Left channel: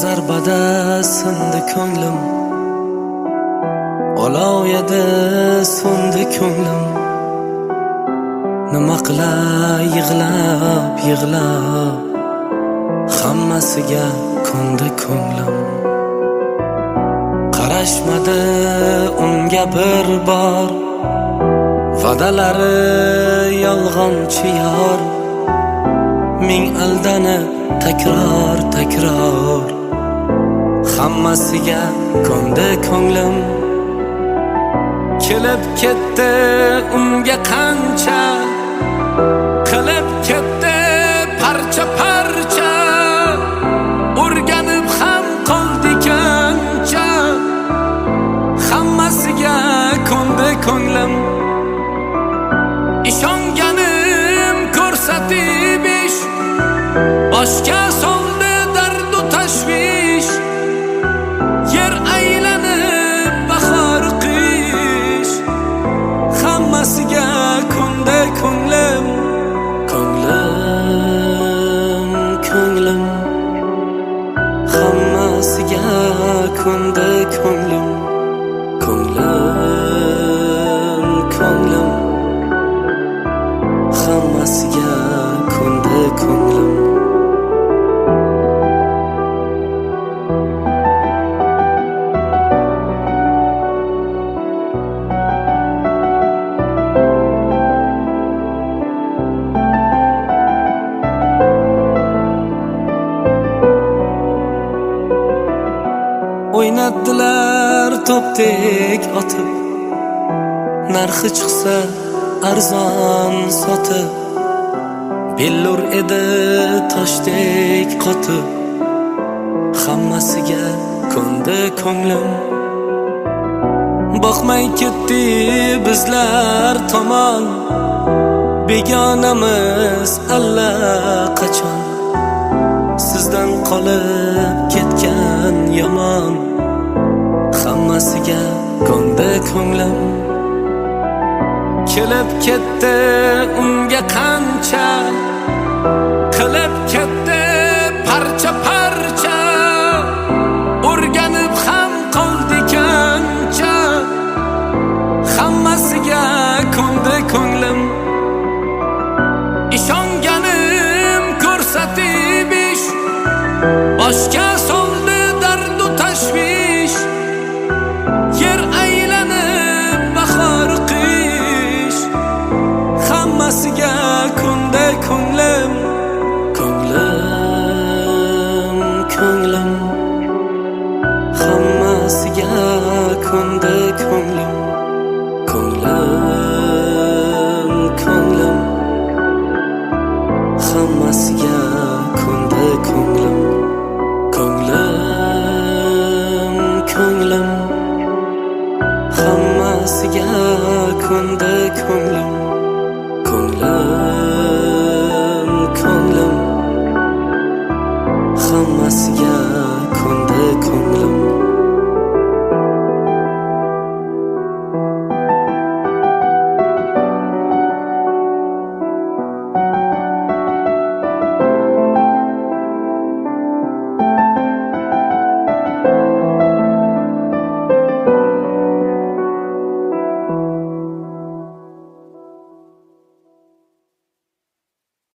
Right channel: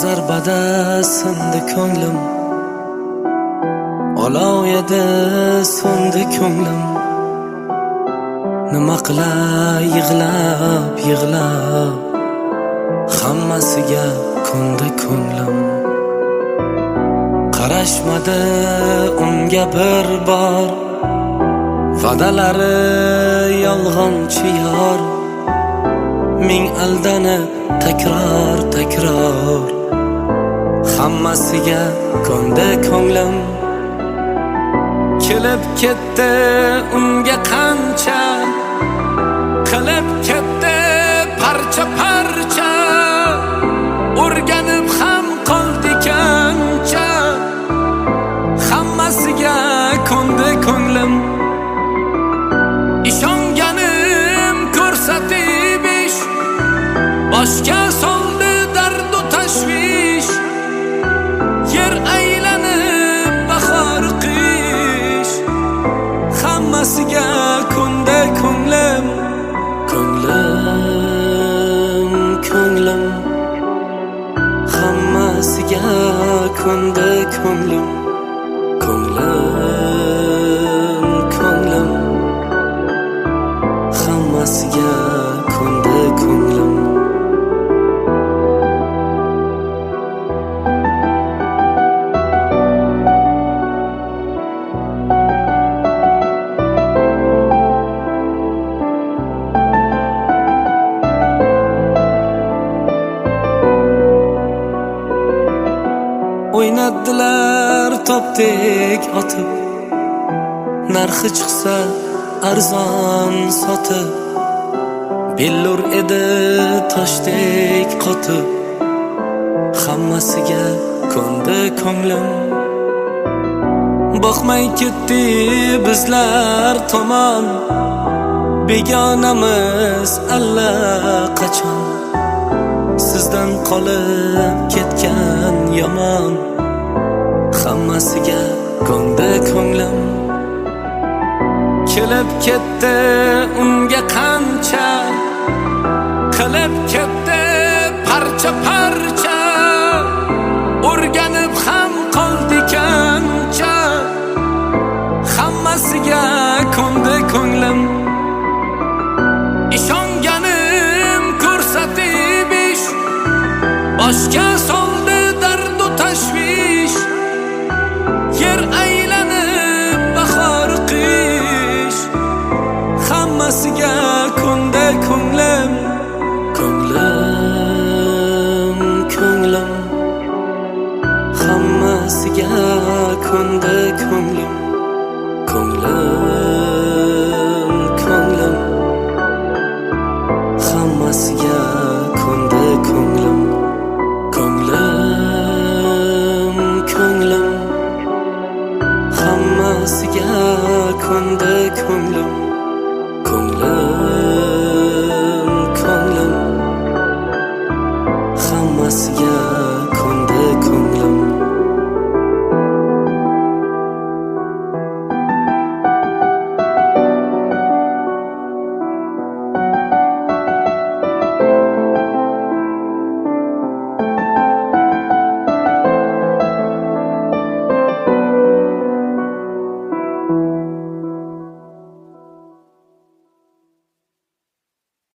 zarbada sindi ko'nglim, olov edi so'ndi ko'nglim. Nima qilay yig'lab yig'lab, hammasiga ko'ndi ko'nglim. Qarashmadi unga bir bor, va'dalari yolg'onchi yor. Ming aldanib takror takror, hammasiga ko'ndi ko'nglim. Kelib ketdi unga qancha, qilib ketdi parcha parcha. O'rganib ham qoldi kancha, hammasiga ko'ndi ko'nglim. Ishonganim ko'rsatib ish, boshga soldi dardu tashvish. Yer aylanib bahor qish, hammasiga ko'ndi ko'nglim. Ko'nglim, ko'nglim, hammasiga ko'ndi ko'nglim. Ko'nglim, ko'nglim, hammasiga ko'ndi ko'nglim. O'ynatdilar topdek otib, narxi chiqsa arzon sotib. Billur edi toshdek qotib, hammasiga ko'ndi ko'nglim. Boqmay ketdi bizlar tomon, begonamiz allaqachon. Sizdan qolib ketgan yomon, hammasiga ko'ndi ko'nglim. Kelib ketdi unga qancha, qilib ketdi parcha parcha. O'rganib ham qoldi kancha, hammasiga ko'ndi ko'nglim. Ishonganim ko'rsatib ish, boshga soldi dardu tashvish. Yer aylanib bahor qish, hammasiga ko'ndi ko'nglim. Ko'nglim, ko'nglim, hammasiga ko'ndi ko'nglim. Ko'nglim, ko'nglim, hammasiga ko'ndi ko'nglim. Ko'nglim, ko'nglim, hammasiga ko'ndi ko'nglim. Ko'nglim, ko'nglim, hammasiga ko'ndi ko'nglim.